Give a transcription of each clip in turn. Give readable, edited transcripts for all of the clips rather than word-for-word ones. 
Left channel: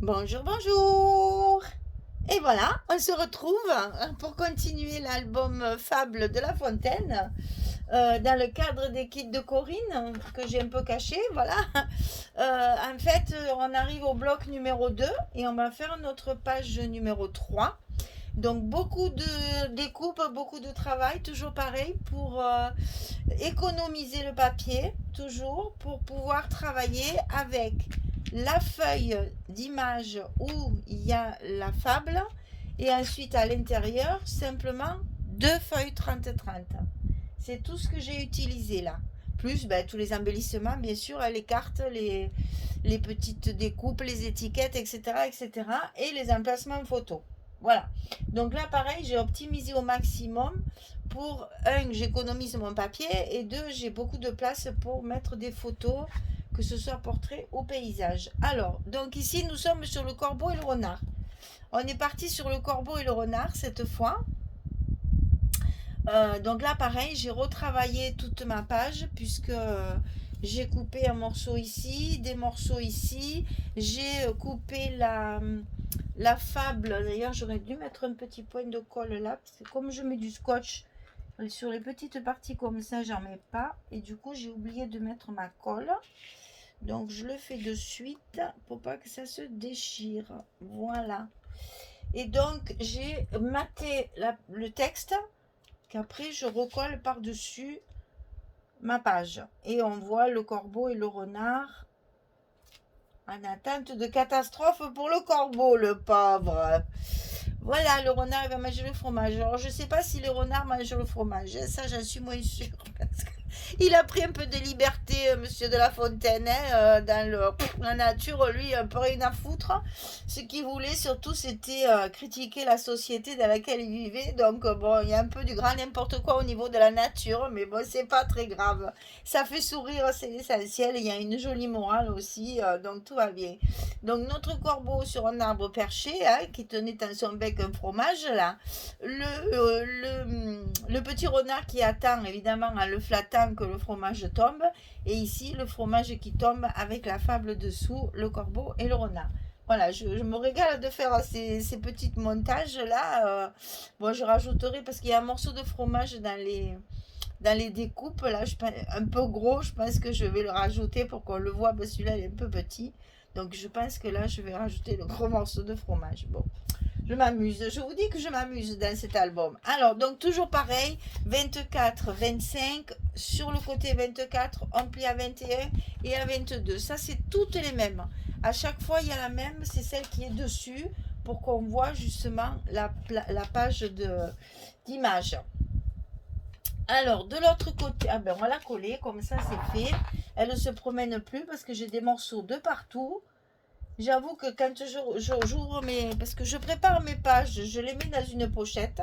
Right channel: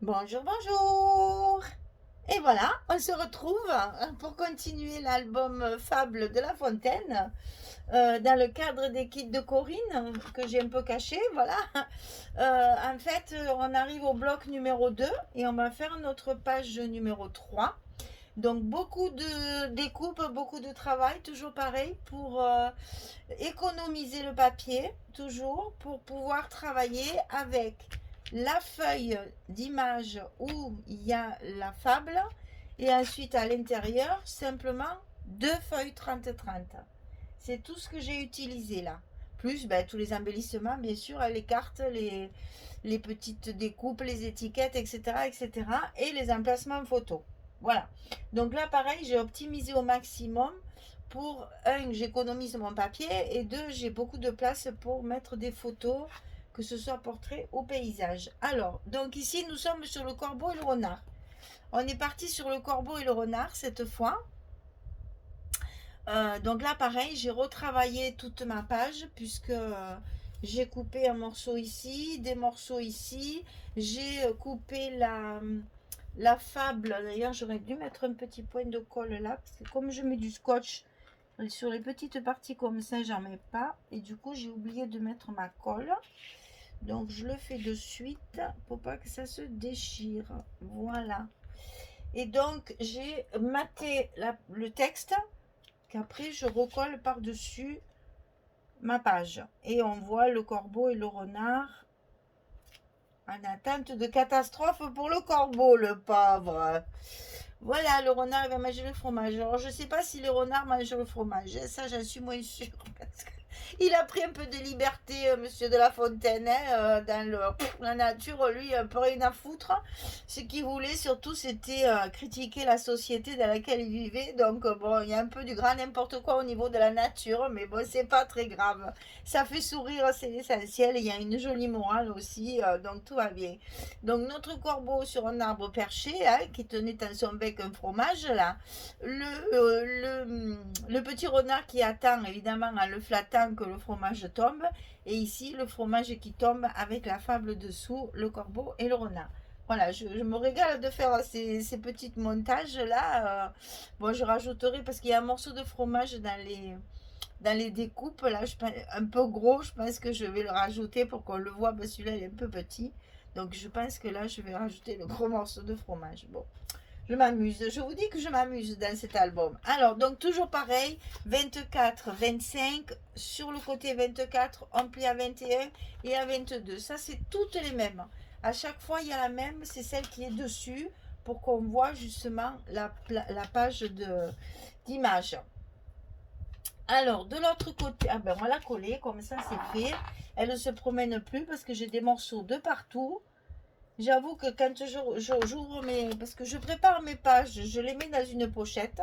Bonjour, bonjour. Et voilà, on se retrouve pour continuer l'album Fable de La Fontaine dans le cadre des kits de Corinne que j'ai un peu caché. Voilà. En fait, on arrive au bloc numéro 2 et on va faire notre page numéro 3. Donc beaucoup de découpe, beaucoup de travail, toujours pareil, pour économiser le papier, toujours, pour pouvoir travailler avec la feuille d'image où il y a la fable et ensuite à l'intérieur, simplement deux feuilles 30-30. C'est tout ce que j'ai utilisé là. Plus ben, tous les embellissements, bien sûr, les cartes, les petites découpes, les étiquettes, etc., etc. Et les emplacements photos. Voilà. Donc là, pareil, j'ai optimisé au maximum pour, un, j'économise mon papier et deux, j'ai beaucoup de place pour mettre des photos, que ce soit portrait ou paysage. Alors, donc ici, nous sommes sur le corbeau et le renard. On est parti sur le corbeau et le renard cette fois. Donc là, pareil, j'ai retravaillé toute ma page puisque j'ai coupé un morceau ici, des morceaux ici. J'ai coupé la fable. D'ailleurs, j'aurais dû mettre un petit point de colle là. Parce que comme je mets du scotch sur les petites parties comme ça, j'en mets pas. Et du coup, j'ai oublié de mettre ma colle. Donc, je le fais de suite pour pas que ça se déchire. Voilà. Et donc, j'ai maté le texte qu'après je recolle par-dessus ma page. Et on voit le corbeau et le renard en attente de catastrophe pour le corbeau, le pauvre. Voilà, le renard il va manger le fromage. Alors je sais pas si les renards mangent le fromage. Ça, j'en suis moins sûre. Parce que il a pris un peu de liberté, monsieur de La Fontaine, hein, dans la nature. Lui, un peu rien à foutre. Ce qu'il voulait surtout, c'était critiquer la société dans laquelle il vivait. Donc, bon, il y a un peu du grand n'importe quoi au niveau de la nature. Mais bon, c'est pas très grave. Ça fait sourire, c'est l'essentiel. Il y a une jolie morale aussi. Donc, tout va bien. Donc notre corbeau sur un arbre perché, hein, qui tenait dans son bec un fromage, là. Le petit renard qui attend, évidemment, en le flattant que le fromage tombe. Et ici, le fromage qui tombe avec la fable dessous, le corbeau et le renard. Voilà, je me régale de faire ces petites montages-là. Bon, je rajouterai, parce qu'il y a un morceau de fromage dans les découpes, là, un peu gros, je pense que je vais le rajouter pour qu'on le voit, parce que celui-là, il est un peu petit. Donc je pense que là, je vais rajouter le gros morceau de fromage. Bon, je m'amuse. Je vous dis que je m'amuse dans cet album. Alors, donc toujours pareil, 24, 25. Sur le côté 24, on plie à 21 et à 22. Ça, c'est toutes les mêmes. À chaque fois, il y a la même, c'est celle qui est dessus pour qu'on voit justement la page d'image. Alors, de l'autre côté, ah ben on va la coller, comme ça c'est fait. Elle ne se promène plus parce que j'ai des morceaux de partout. J'avoue que quand j'ouvre mes... Parce que je prépare mes pages, je les mets dans une pochette.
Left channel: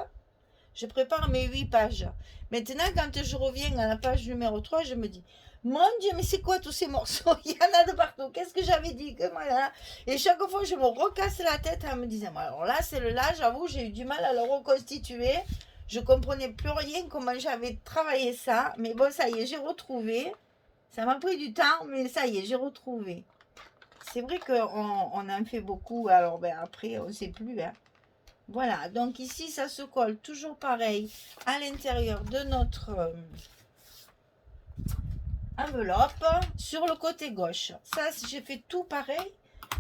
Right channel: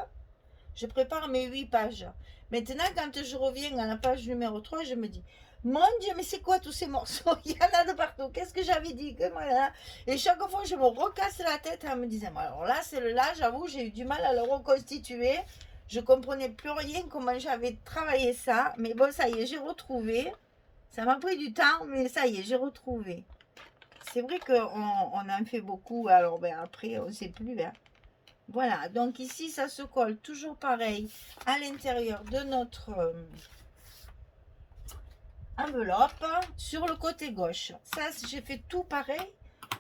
Je prépare mes 8 pages. Maintenant, quand je reviens à la page numéro 3, je me dis, mon Dieu, mais c'est quoi tous ces morceaux? Il y en a de partout. Qu'est-ce que j'avais dit que voilà. Et chaque fois, je me recasse la tête en me disant, alors là, celle-là, j'avoue, j'ai eu du mal à le reconstituer. Je comprenais plus rien comment j'avais travaillé ça. Mais bon, ça y est, j'ai retrouvé. Ça m'a pris du temps, mais ça y est, j'ai retrouvé. C'est vrai qu'on en fait beaucoup, alors ben après, on ne sait plus. Hein. Voilà, donc ici, ça se colle toujours pareil à l'intérieur de notre enveloppe sur le côté gauche. Ça, j'ai fait tout pareil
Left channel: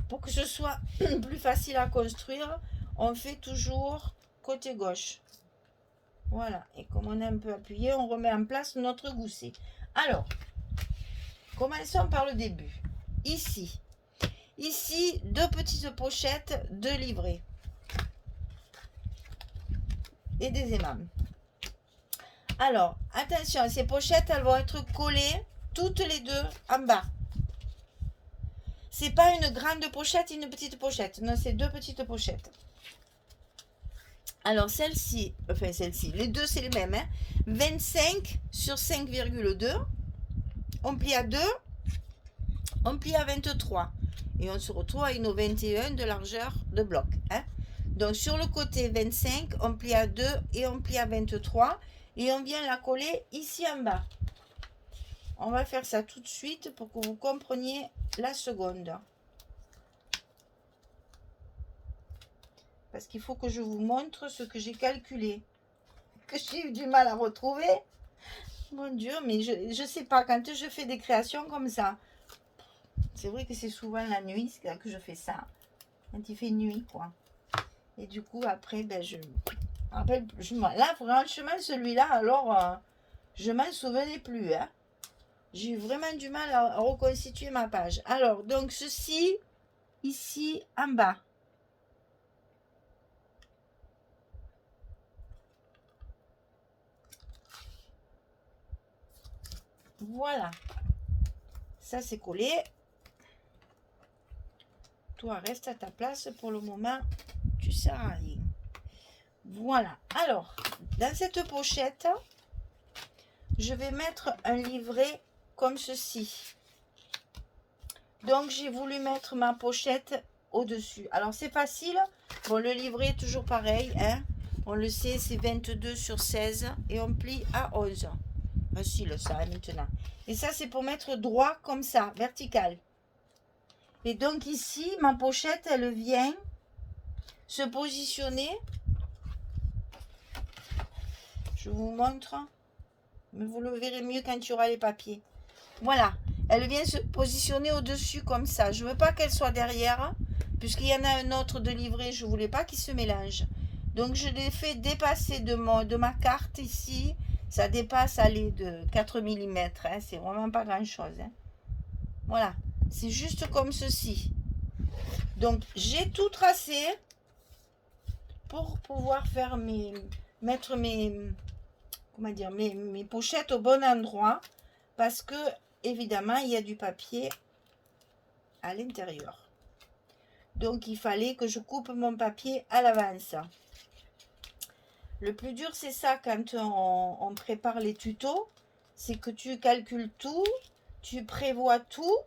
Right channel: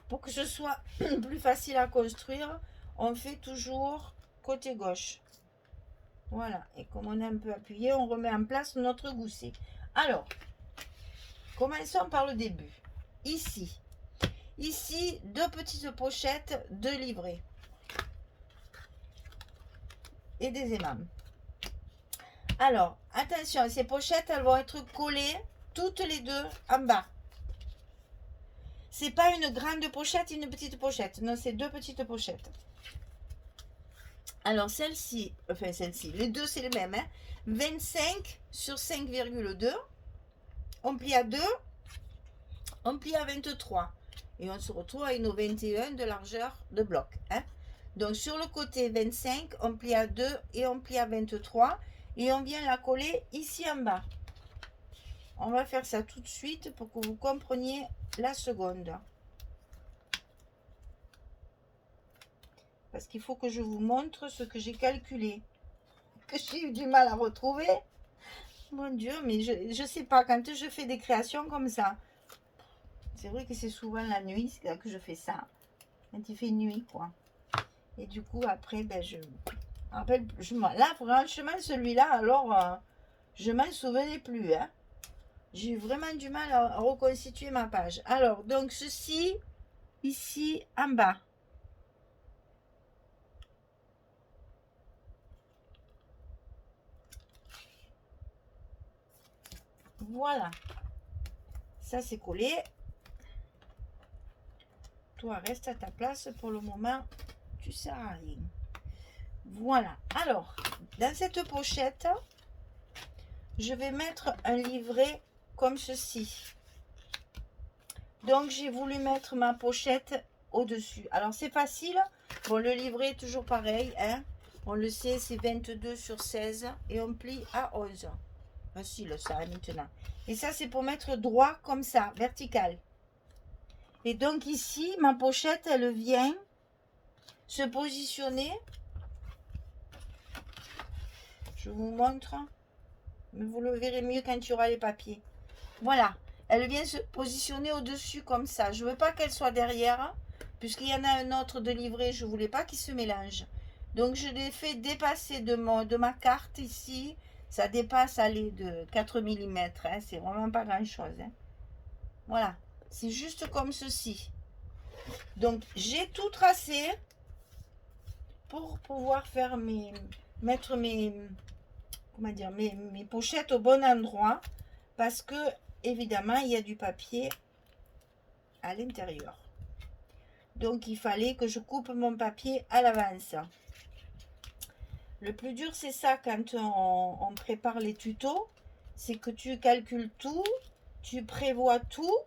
pour que ce soit plus facile à construire. On fait toujours côté gauche. Voilà, et comme on est un peu appuyé, on remet en place notre gousset. Alors, commençons par le début. Ici, deux petites pochettes de livrets et des aimants. Alors, attention, ces pochettes, elles vont être collées toutes les deux en bas. C'est pas une grande pochette et une petite pochette. Non, c'est deux petites pochettes. Alors, celle-ci, les deux, c'est les mêmes. Hein, 25 sur 5,2. On plie à 2, on plie à 23. Et on se retrouve à une 21 de largeur de bloc. Hein. Donc, sur le côté 25, on plie à 2 et on plie à 23. Et on vient la coller ici en bas. On va faire ça tout de suite pour que vous compreniez la seconde. parce qu'il faut que je vous montre ce que j'ai calculé, que j'ai eu du mal à retrouver. Mon Dieu, mais je sais pas, quand je fais des créations comme ça, c'est vrai que c'est souvent la nuit que je fais ça, quand il fait nuit, quoi. Et du coup, après, ben, je rappelle, là, franchement, celui-là, alors, je m'en souvenais plus, hein. J'ai eu vraiment du mal à reconstituer ma page. Alors, donc, ceci, ici, en bas. Voilà. Ça, c'est collé. Toi, reste à ta place pour le moment. Tu sers à rien. Voilà. Alors, dans cette pochette, je vais mettre un livret comme ceci. Donc, j'ai voulu mettre ma pochette au-dessus. Alors, c'est facile. Bon, le livret est toujours pareil, hein. On le sait, c'est 22 sur 16 et on plie à 11. Facile, ça, maintenant. Et ça, c'est pour mettre droit comme ça, vertical. Et donc, ici, ma pochette, elle vient se positionner. Je vous montre. Mais vous le verrez mieux quand il y aura les papiers. Voilà. Elle vient se positionner au-dessus comme ça. Je ne veux pas qu'elle soit derrière, puisqu'il y en a un autre de livret. Je ne voulais pas qu'il se mélange. Donc, je l'ai fait dépasser de ma carte ici. Ça dépasse, allez, de 4 mm. Hein. C'est vraiment pas grand-chose. Hein. Voilà. C'est juste comme ceci. Donc, j'ai tout tracé pour pouvoir faire mettre comment dire, mes pochettes au bon endroit. Parce que, évidemment, il y a du papier à l'intérieur. Donc, il fallait que je coupe mon papier à l'avance. Le plus dur, c'est ça quand on prépare les tutos. C'est que tu calcules tout, tu prévois tout.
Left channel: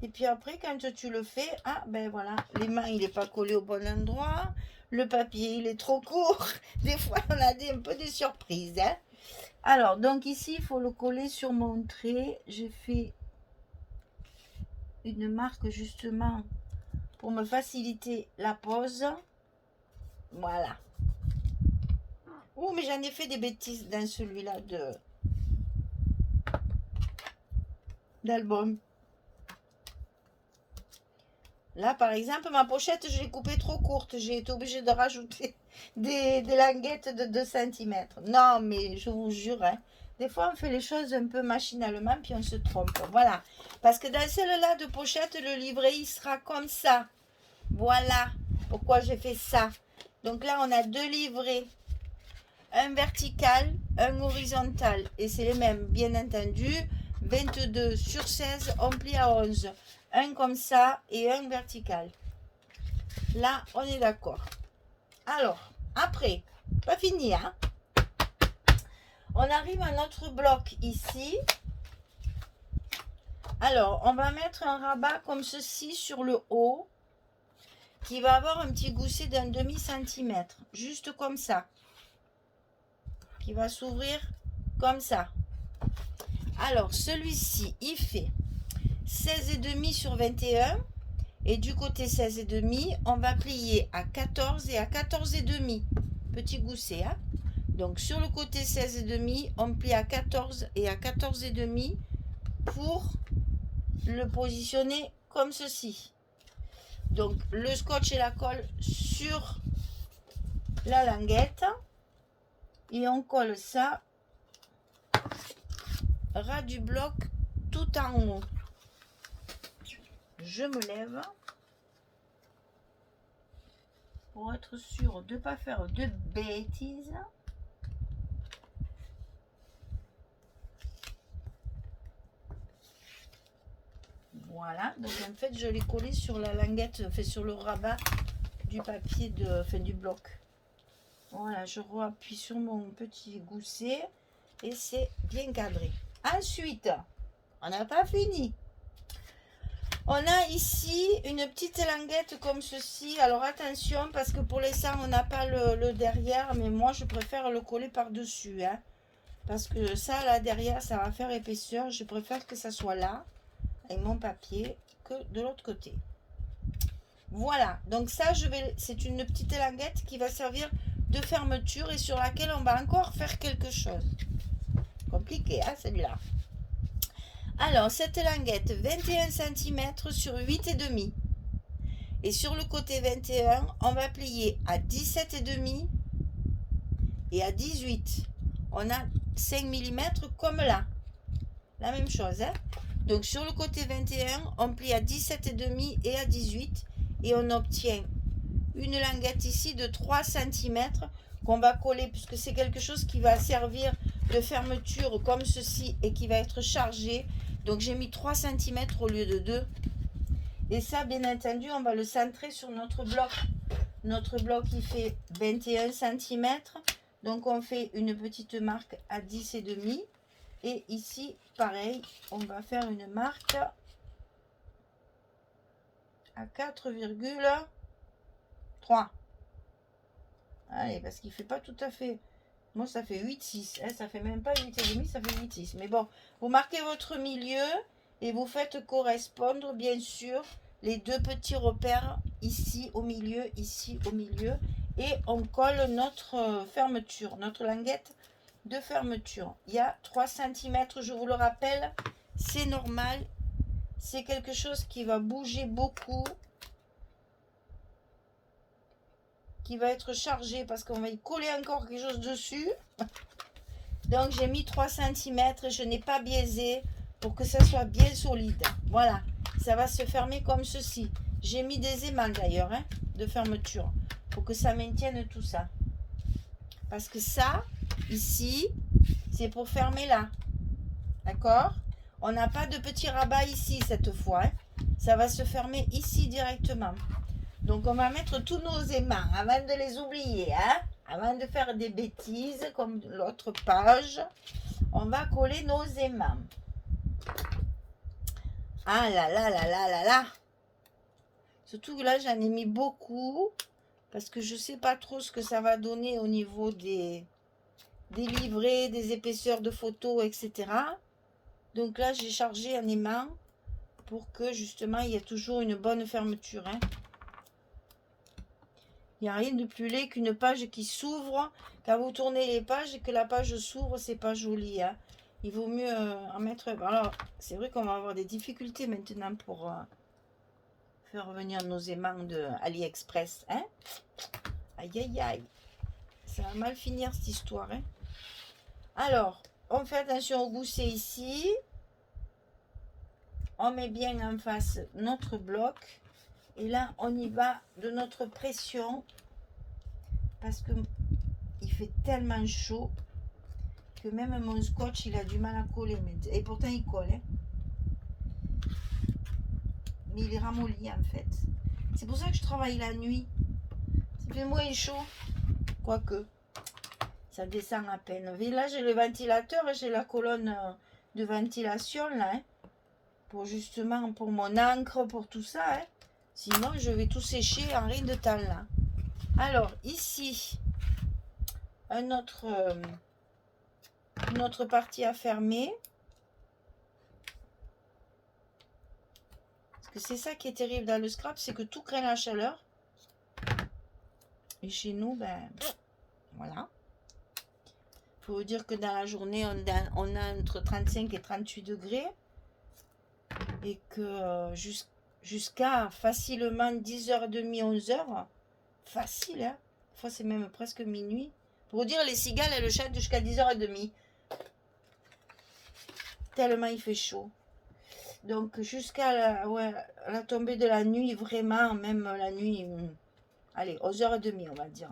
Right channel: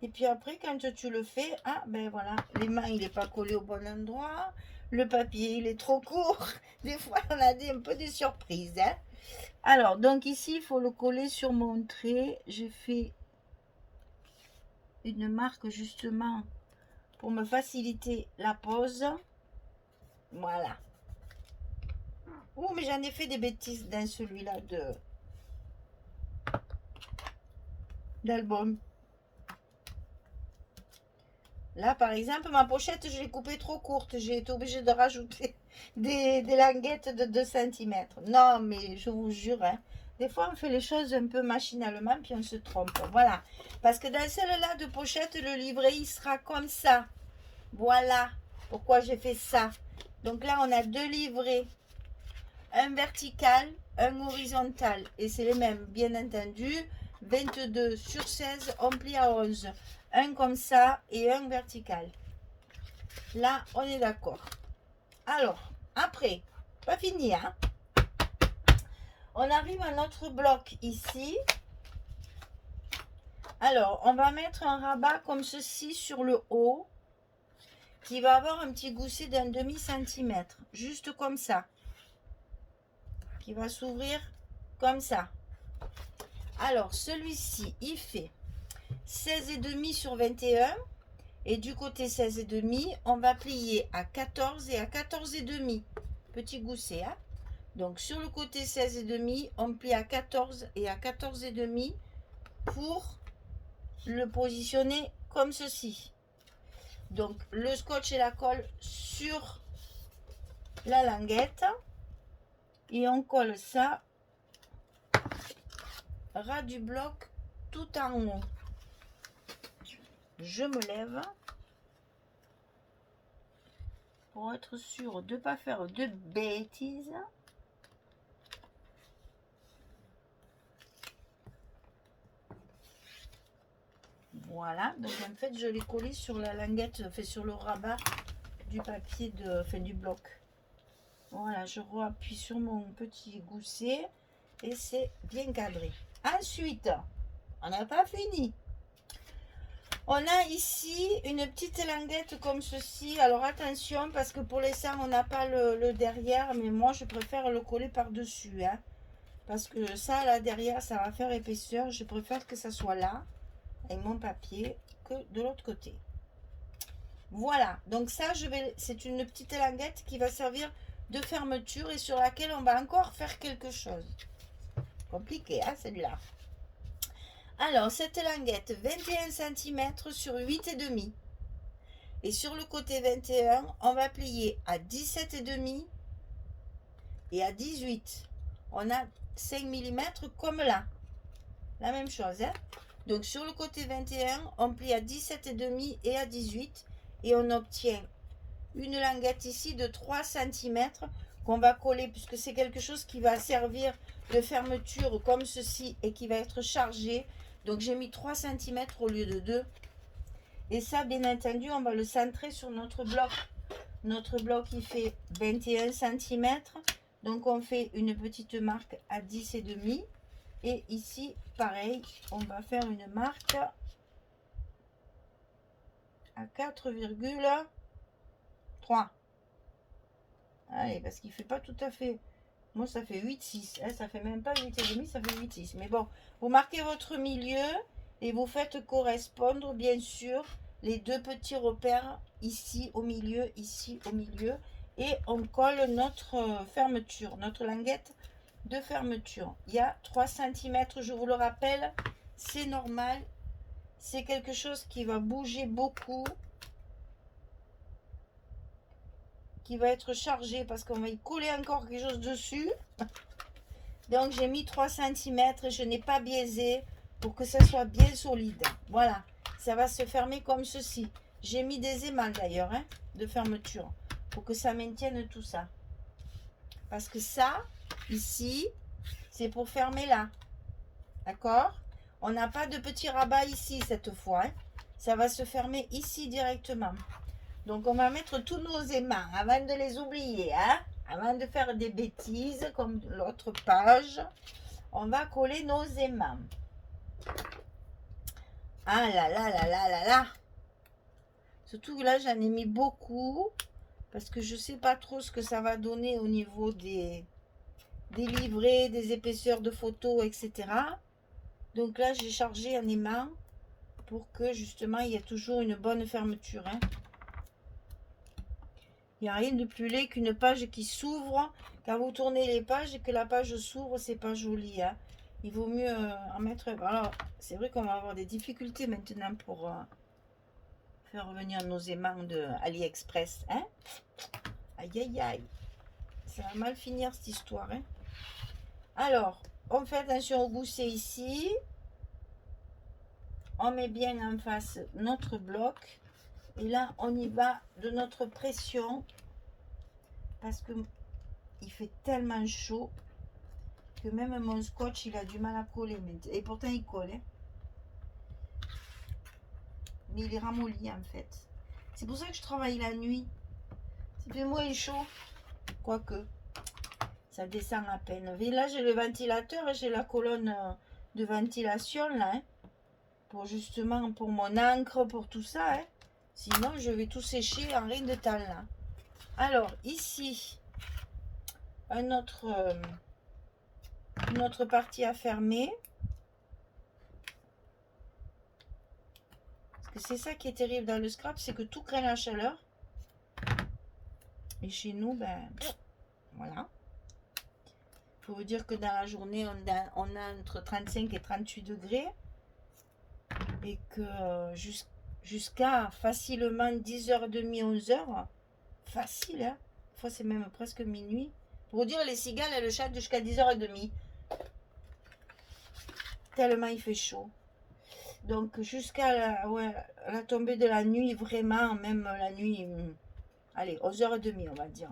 Et puis après, quand tu le fais, ah ben voilà, les mains, il n'est pas collé au bon endroit. Le papier, il est trop court. Des fois, on a un peu des surprises. Hein. Alors, donc ici, il faut le coller sur mon trait. J'ai fait une marque justement pour me faciliter la pose. Voilà. Oh, mais j'en ai fait des bêtises dans celui-là d'album. Là, par exemple, ma pochette, je l'ai coupée trop courte. J'ai été obligée de rajouter des languettes de 2 cm. Non, mais je vous jure, hein, des fois, on fait les choses un peu machinalement, puis on se trompe. Voilà. Parce que dans celle-là de pochette, le livret, il sera comme ça. Voilà pourquoi j'ai fait ça. Donc là, on a 2 livrets. Un vertical, un horizontal. Et c'est les mêmes, bien entendu. 22 sur 16, on plie à 11. Un comme ça et un vertical. Là, on est d'accord. Alors, après, pas fini, hein. On arrive à notre bloc ici. Alors, on va mettre un rabat comme ceci sur le haut, qui va avoir un petit gousset d'un demi-centimètre, juste comme ça, qui va s'ouvrir comme ça. Alors, celui-ci, il fait 16,5 sur 21. Et du côté 16,5, on va plier à 14 et à 14,5. Petit gousset. Hein. Donc, sur le côté 16,5, on plie à 14 et à 14,5 pour le positionner comme ceci. Donc, le scotch et la colle sur la languette. Et on colle ça ras du bloc tout en haut. Je me lève pour être sûr de ne pas faire de bêtises. Voilà, donc en fait je l'ai collé sur la languette, fait sur le rabat du papier du bloc. Voilà, je appuie sur mon petit gousset et c'est bien cadré. Ensuite, on n'a pas fini. On a ici une petite languette comme ceci. Alors attention, parce que pour l'instant, on n'a pas le derrière, mais moi, je préfère le coller par-dessus. Hein, parce que ça, là, derrière, ça va faire épaisseur. Je préfère que ça soit là, avec mon papier, que de l'autre côté. Voilà, donc ça, c'est une petite languette qui va servir de fermeture et sur laquelle on va encore faire quelque chose. Compliqué, hein, celle-là. Alors, cette languette, 21 cm sur 8,5. Et sur le côté 21, on va plier à 17,5 et à 18. On a 5 mm comme là. La même chose, hein. Donc, sur le côté 21, on plie à 17,5 et à 18. Et on obtient une languette ici de 3 cm qu'on va coller, puisque c'est quelque chose qui va servir de fermeture comme ceci et qui va être chargé. Donc j'ai mis 3 cm au lieu de 2. Et ça, bien entendu, on va le centrer sur notre bloc. Notre bloc, il fait 21 cm. Donc on fait une petite marque à 10,5. Et ici, pareil, on va faire une marque à 4,3. Allez, parce qu'il ne fait pas tout à fait. Moi, ça fait 8,6. Hein, ça fait même pas 8,5, ça fait 8,6. Mais bon, vous marquez votre milieu et vous faites correspondre, bien sûr, les deux petits repères ici au milieu, ici au milieu. Et on colle notre fermeture, notre languette de fermeture. Il y a 3 cm, je vous le rappelle, c'est normal. C'est quelque chose qui va bouger beaucoup, qui va être chargé parce qu'on va y coller encore quelque chose dessus. Donc j'ai mis 3 cm et je n'ai pas biaisé pour que ça soit bien solide. Voilà, ça va se fermer comme ceci. J'ai mis des aimants d'ailleurs, hein, de fermeture, pour que ça maintienne tout ça. Parce que ça, ici, c'est pour fermer là. D'accord? On n'a pas de petit rabat ici cette fois. Hein. Ça va se fermer ici directement. Donc on va mettre tous nos aimants avant de les oublier. Hein? Avant de faire des bêtises comme l'autre page, on va coller nos aimants. Ah là là là là là là. Surtout que là j'en ai mis beaucoup parce que je ne sais pas trop ce que ça va donner au niveau des livrets, des épaisseurs de photos, etc. Donc là j'ai chargé un aimant pour que justement il y ait toujours une bonne fermeture. Hein. Il n'y a rien de plus laid qu'une page qui s'ouvre. Quand vous tournez les pages et que la page s'ouvre, c'est pas joli. Hein. Il vaut mieux en mettre... Alors, c'est vrai qu'on va avoir des difficultés maintenant pour faire revenir nos aimants de AliExpress. Hein. Aïe, aïe, aïe. Ça va mal finir cette histoire. Hein. Alors, on fait attention au gousset ici. On met bien en face notre bloc. Et là, on y va de notre pression parce que il fait tellement chaud que même mon scotch, il a du mal à coller. Et pourtant, il colle. Hein. Mais il est ramolli en fait. C'est pour ça que je travaille la nuit. Ça fait moins chaud. Quoique, ça descend à peine. Et là, j'ai le ventilateur et j'ai la colonne de ventilation là. Hein, pour justement, pour mon encre, pour tout ça. Hein. Sinon, je vais tout sécher en rien de temps là. Alors, ici, une autre partie à fermer. Parce que c'est ça qui est terrible dans le scrap, c'est que tout craint la chaleur. Et chez nous, ben, voilà. Il faut vous dire que dans la journée, on a entre 35 et 38 degrés. Et que jusqu'à facilement 10h30, 11h, facile, hein. Des fois, c'est même presque minuit. Pour vous dire, les cigales, elles chantent jusqu'à 10h30. Tellement il fait chaud. Donc, jusqu'à la tombée de la nuit, vraiment, même la nuit, allez, 11h30, on va dire.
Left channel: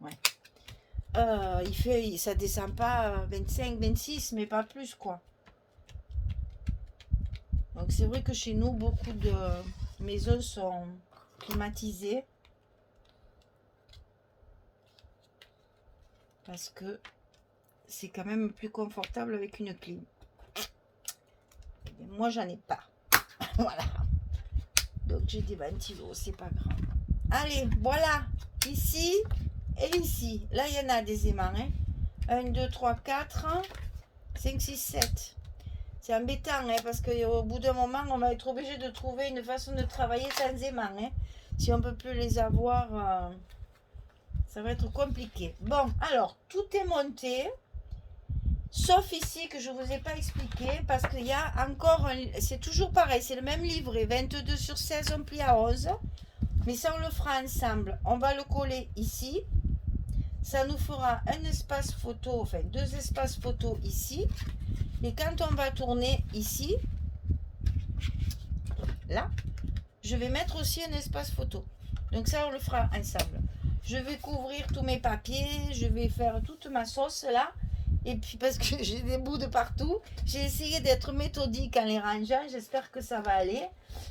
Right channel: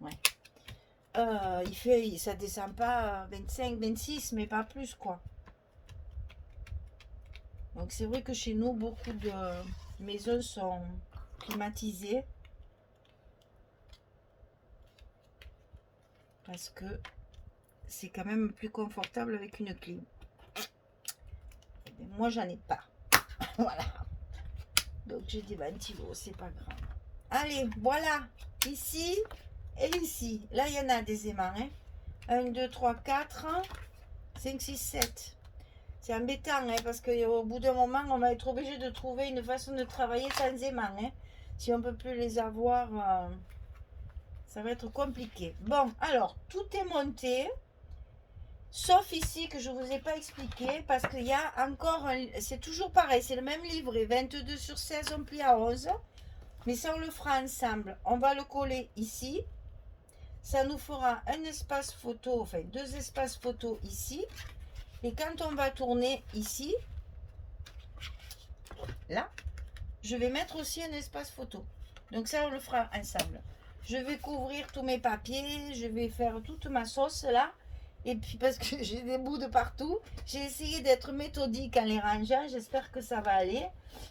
Ouais. Ça descend pas 25, 26, mais pas plus, quoi. Donc, c'est vrai que chez nous, beaucoup de maisons sont climatisées. Parce que c'est quand même plus confortable avec une clim. Moi, j'en ai pas. Voilà. Donc, j'ai des ventilos, c'est pas grave. Allez, voilà. Ici et ici. Là, il y en a des aimants. Hein. 1, 2, 3, 4, 5, 6, 7. C'est embêtant, hein, parce qu'au bout d'un moment, on va être obligé de trouver une façon de travailler sans aimant. Hein. Si on ne peut plus les avoir, ça va être compliqué. Bon, alors, tout est monté. Sauf ici que je ne vous ai pas expliqué, parce qu'il y a encore, c'est toujours pareil, c'est le même livret, 22 sur 16, on plie à 11. Mais ça, on le fera ensemble. On va le coller ici. Ça nous fera un espace photo, enfin 2 espaces photo ici. Et quand on va tourner ici, là, je vais mettre aussi un espace photo. Donc ça, on le fera ensemble. Je vais couvrir tous mes papiers, je vais faire toute ma sauce là. Et puis parce que j'ai des bouts de partout, j'ai essayé d'être méthodique en les rangeant. J'espère que ça va aller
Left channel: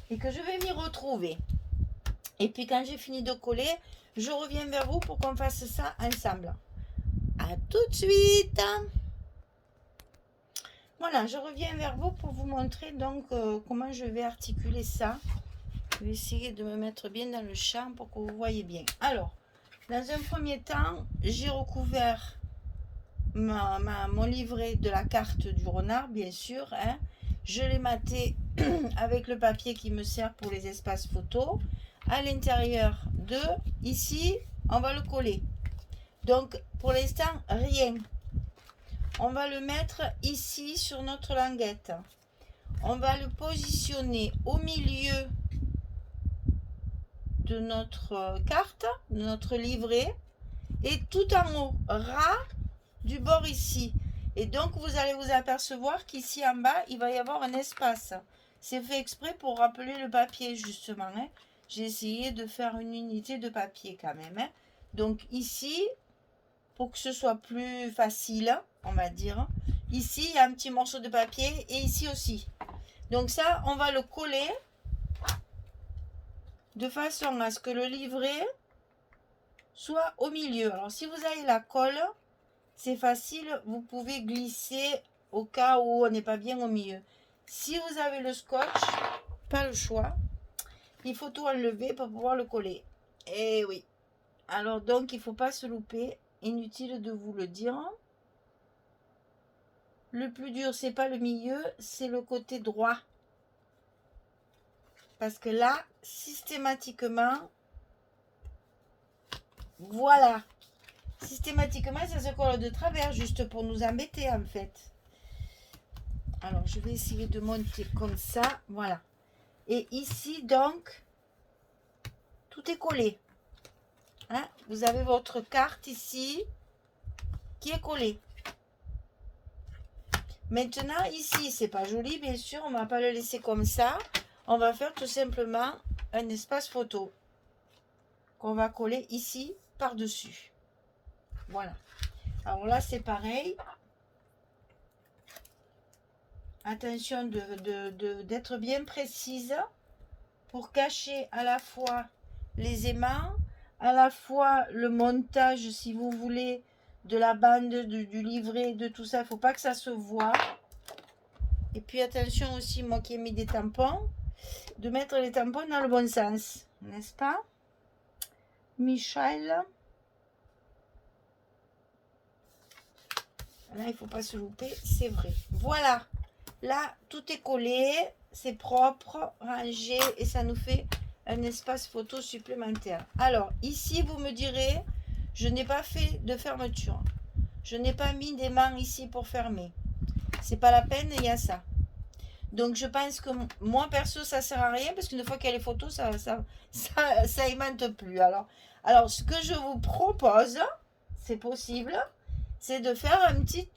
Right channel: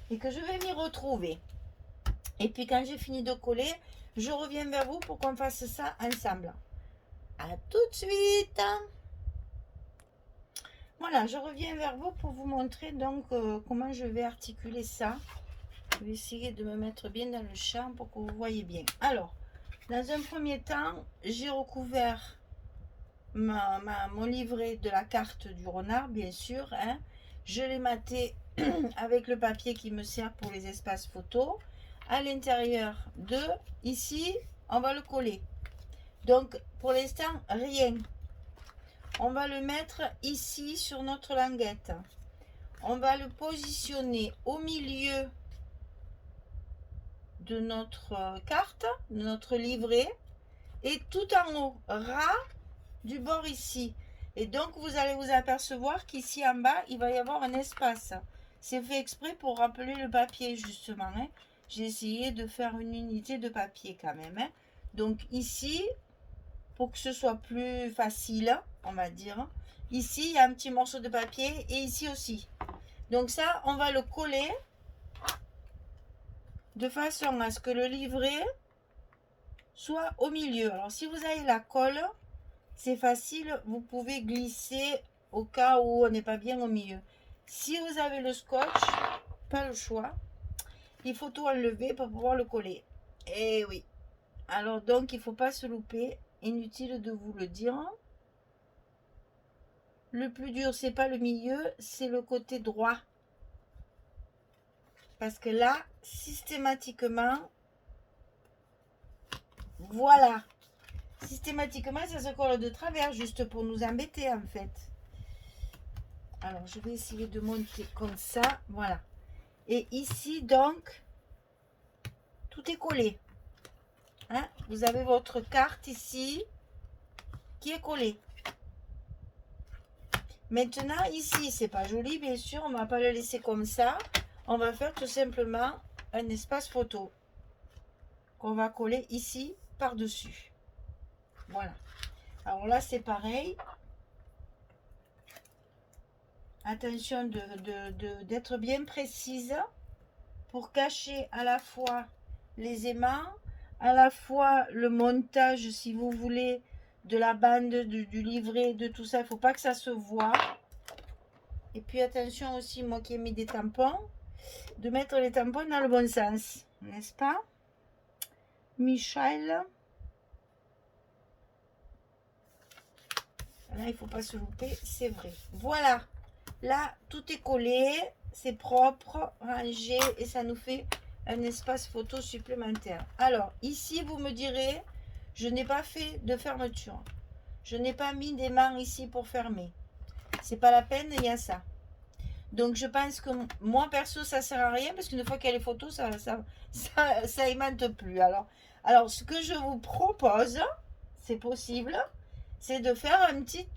et que je vais m'y retrouver. Et puis quand j'ai fini de coller, je reviens vers vous pour qu'on fasse ça ensemble. À tout de suite. Voilà, je reviens vers vous pour vous montrer donc comment je vais articuler ça. Je vais essayer de me mettre bien dans le champ pour que vous voyez bien. Alors, dans un premier temps, j'ai recouvert mon livret de la carte du renard, bien sûr. Hein. Je l'ai maté avec le papier qui me sert pour les espaces photos. À l'intérieur de, ici, on va le coller. Donc, pour l'instant, rien. On va le mettre ici sur notre languette. On va le positionner au milieu de notre carte, de notre livret, et tout en haut, ras du bord ici. Et donc, vous allez vous apercevoir qu'ici en bas, il va y avoir un espace. C'est fait exprès pour rappeler le papier, justement. Hein. J'ai essayé de faire une unité de papier quand même. Hein. Donc, ici, pour que ce soit plus facile, on va dire. Ici, il y a un petit morceau de papier et ici aussi. Donc ça, on va le coller de façon à ce que le livret soit au milieu. Alors, si vous avez la colle, c'est facile, vous pouvez glisser au cas où on n'est pas bien au milieu. Si vous avez le scotch, pas le choix, il faut tout enlever pour pouvoir le coller. Et oui. Alors donc, il ne faut pas se louper. Inutile de vous le dire. Le plus dur, c'est pas le milieu, c'est le côté droit. Parce que là, systématiquement, voilà. Systématiquement, ça se colle de travers, juste pour nous embêter, en fait. Alors, je vais essayer de monter comme ça. Voilà. Et ici, donc, tout est collé. Hein? Vous avez votre carte ici qui est collée. Maintenant, ici, c'est pas joli, bien sûr. On ne va pas le laisser comme ça. On va faire tout simplement un espace photo qu'on va coller ici par-dessus. Voilà. Alors là, c'est pareil. Attention d'être bien précise pour cacher à la fois les aimants, à la fois le montage, si vous voulez, de la bande, du livret, de tout ça. Il ne faut pas que ça se voit. Et puis attention aussi, moi qui ai mis des tampons, de mettre les tampons dans le bon sens, n'est-ce pas, Michel? Là, il ne faut pas se louper, c'est vrai. Voilà, là, tout est collé, c'est propre, rangé, et ça nous fait un espace photo supplémentaire. Alors, ici, vous me direz, je n'ai pas fait de fermeture. Je n'ai pas mis d'aimant ici pour fermer. C'est pas la peine, il y a ça. Donc, je pense que moi, perso, ça sert à rien, parce qu'une fois qu'il y a les photos, ça aimante plus. Alors, ce que je vous propose, c'est possible, c'est de faire un petit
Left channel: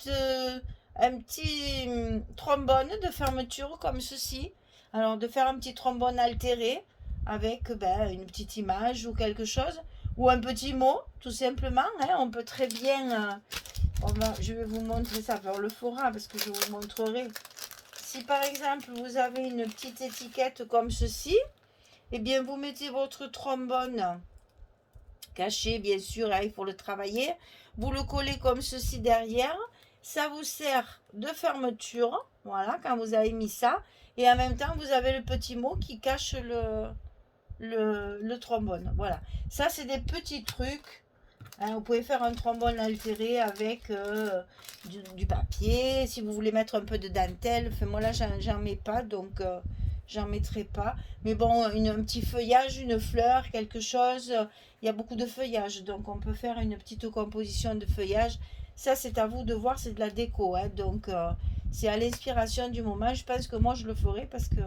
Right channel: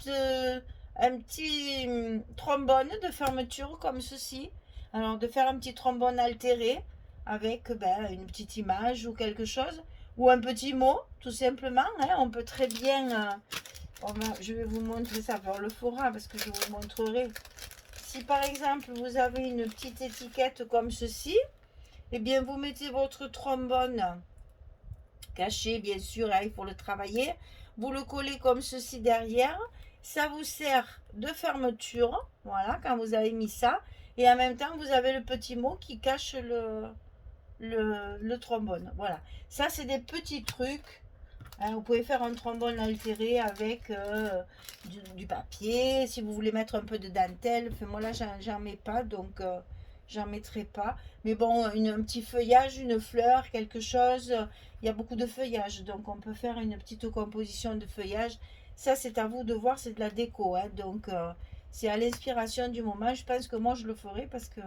trombone de fermeture comme ceci. Alors, de faire un petit trombone altéré avec une petite image ou quelque chose, ou un petit mot, tout simplement. Hein. On peut très bien... je vais vous montrer ça. Alors, le fera parce que je vous montrerai. Si par exemple, vous avez une petite étiquette comme ceci, eh bien, vous mettez votre trombone caché, bien sûr, hein, il faut le travailler. Vous le collez comme ceci derrière. Ça vous sert de fermeture, voilà, quand vous avez mis ça. Et en même temps, vous avez le petit mot qui cache le trombone. Voilà. Ça, c'est des petits trucs Hein, vous pouvez faire un trombone altéré avec du papier. Si vous voulez mettre un peu de dentelle, enfin, moi là j'en mets pas, donc j'en mettrai pas. Mais bon, un petit feuillage, une fleur, quelque chose. Il y a beaucoup de feuillage, donc on peut faire une petite composition de feuillage. Ça c'est à vous de voir, c'est de la déco. Hein, donc c'est à l'inspiration du moment. Je pense que moi je le ferai parce que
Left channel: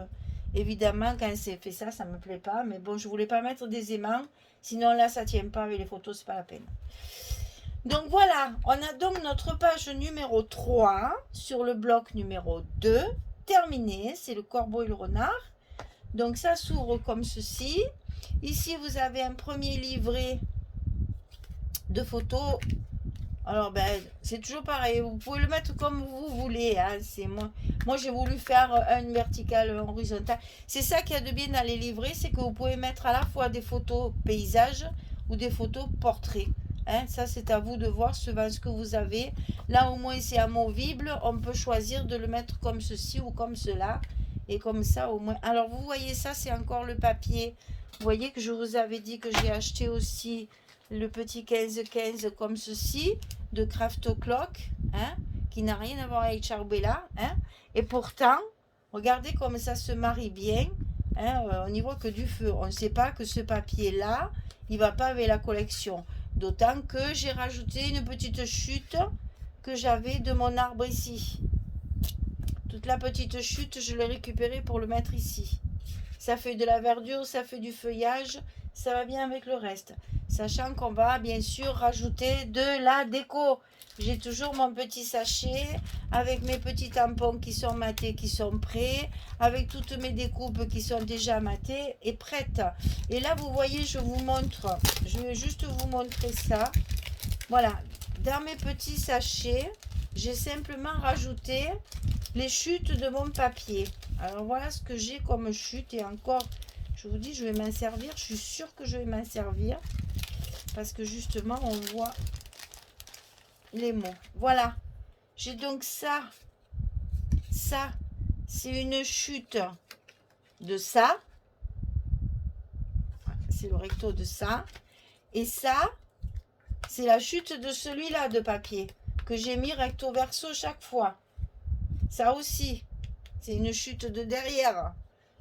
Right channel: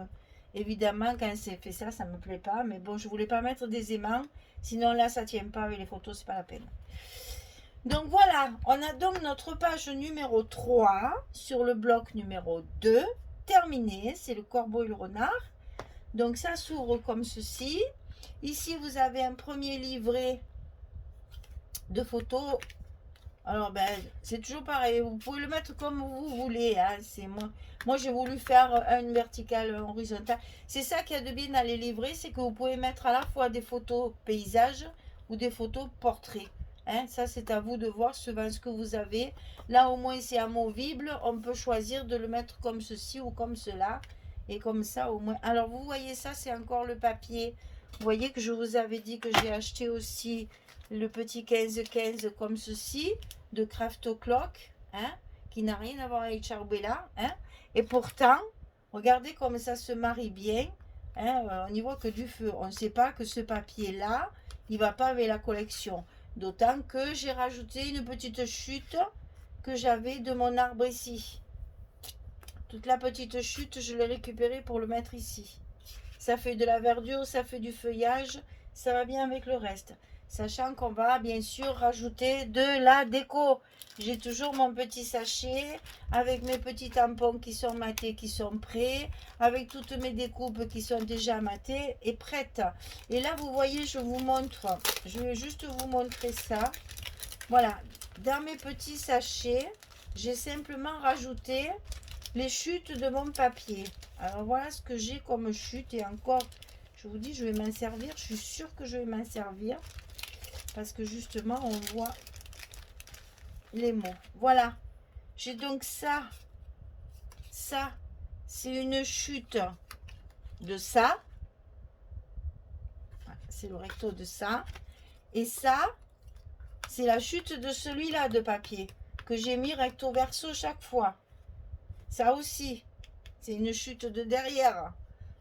évidemment quand c'est fait ça, ça me plaît pas. Mais bon, je voulais pas mettre des aimants. Sinon là ça tient pas avec les photos, c'est pas la peine. Donc voilà, on a donc notre page numéro 3 sur le bloc numéro 2. Terminé, c'est le corbeau et le renard. Donc ça s'ouvre comme ceci. Ici, vous avez un premier livret de photos. Alors, ben, c'est toujours pareil. Vous pouvez le mettre comme vous voulez. Hein. C'est moi j'ai voulu faire un vertical, un horizontal. C'est ça qu'il y a de bien dans les livrets, c'est que vous pouvez mettre à la fois des photos paysages ou des photos portraits. Hein, ça, c'est à vous de voir suivant ce que vous avez. Là, au moins, c'est amovible. On peut choisir de le mettre comme ceci ou comme cela. Et comme ça, au moins. Alors, vous voyez ça, c'est encore le papier. Vous voyez que je vous avais dit que j'ai acheté aussi le petit 15-15 comme ceci, de Craft Clock, hein, qui n'a rien à voir avec Charbella. Hein, et pourtant, regardez comme ça se marie bien. Hein, on n'y voit que du feu. On ne sait pas que ce papier-là, il ne va pas avec la collection. D'autant que j'ai rajouté une petite chute que j'avais de mon arbre ici. Toute la petite chute, je l'ai récupérée pour le mettre ici. Ça fait de la verdure, ça fait du feuillage, ça va bien avec le reste. Sachant qu'on va bien sûr rajouter de la déco. J'ai toujours mon petit sachet avec mes petits tampons qui sont matés, qui sont prêts, avec toutes mes découpes qui sont déjà matées et prêtes. Et là, vous voyez, je vous montre, je vais juste vous montrer ça. Voilà, dans mes petits sachets, j'ai simplement rajouté les chutes de mon papier. Alors voilà ce que j'ai comme chute et encore, je vous dis, je vais m'en servir. Je suis sûre que je vais m'en servir parce que justement, on voit les mots. Voilà, j'ai donc ça, c'est une chute de ça. C'est le recto de ça. Et ça, c'est la chute de celui-là de papier que j'ai mis recto verso chaque fois. Ça aussi, c'est une chute de derrière.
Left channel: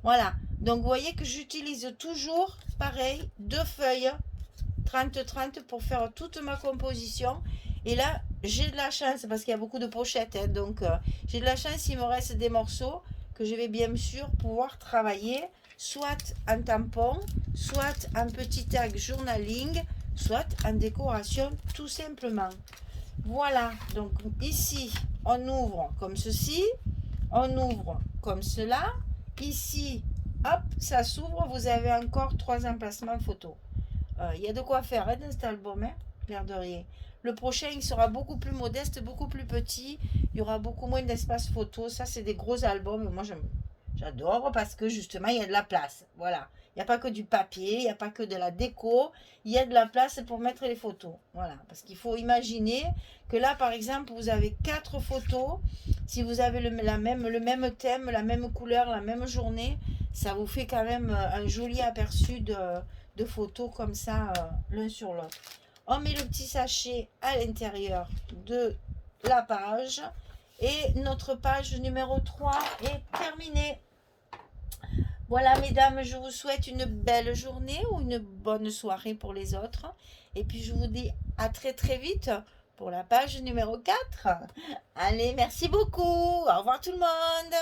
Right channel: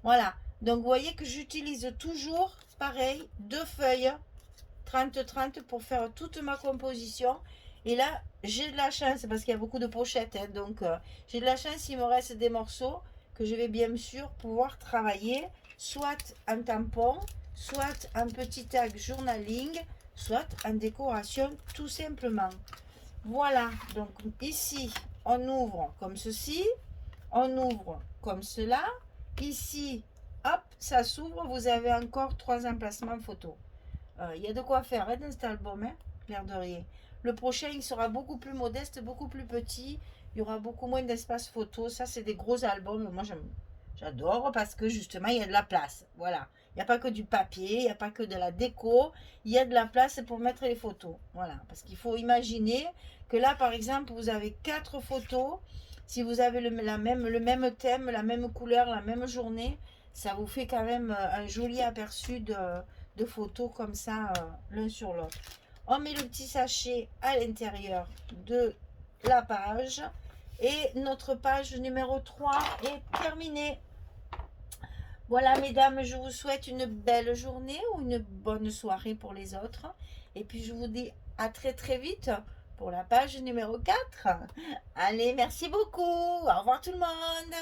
Voilà. Donc, vous voyez que j'utilise toujours, pareil, 2 feuilles 30-30 pour faire toute ma composition. Et là, j'ai de la chance parce qu'il y a beaucoup de pochettes. Hein, donc, j'ai de la chance, il me reste des morceaux que je vais bien sûr pouvoir travailler soit en tampon, soit en petit tag journaling, soit en décoration tout simplement. Voilà, donc ici, on ouvre comme ceci, on ouvre comme cela. Ici, hop, ça s'ouvre, vous avez encore 3 emplacements photo. Il y a de quoi faire hein, dans cet album, hein, l'air de rien. Le prochain, il sera beaucoup plus modeste, beaucoup plus petit. Il y aura beaucoup moins d'espace photo. Ça, c'est des gros albums. Moi, j'adore parce que justement, il y a de la place. Voilà. Il n'y a pas que du papier, il n'y a pas que de la déco. Il y a de la place pour mettre les photos. Voilà. Parce qu'il faut imaginer que là, par exemple, vous avez 4 photos. Si vous avez le même thème, la même couleur, la même journée, ça vous fait quand même un joli aperçu de photos comme ça, l'un sur l'autre. On met le petit sachet à l'intérieur de la page. Et notre page numéro 3 est terminée. Voilà, mesdames, je vous souhaite une belle journée ou une bonne soirée pour les autres. Et puis, je vous dis à très très vite pour la page numéro 4. Allez, merci beaucoup. Au revoir tout le monde.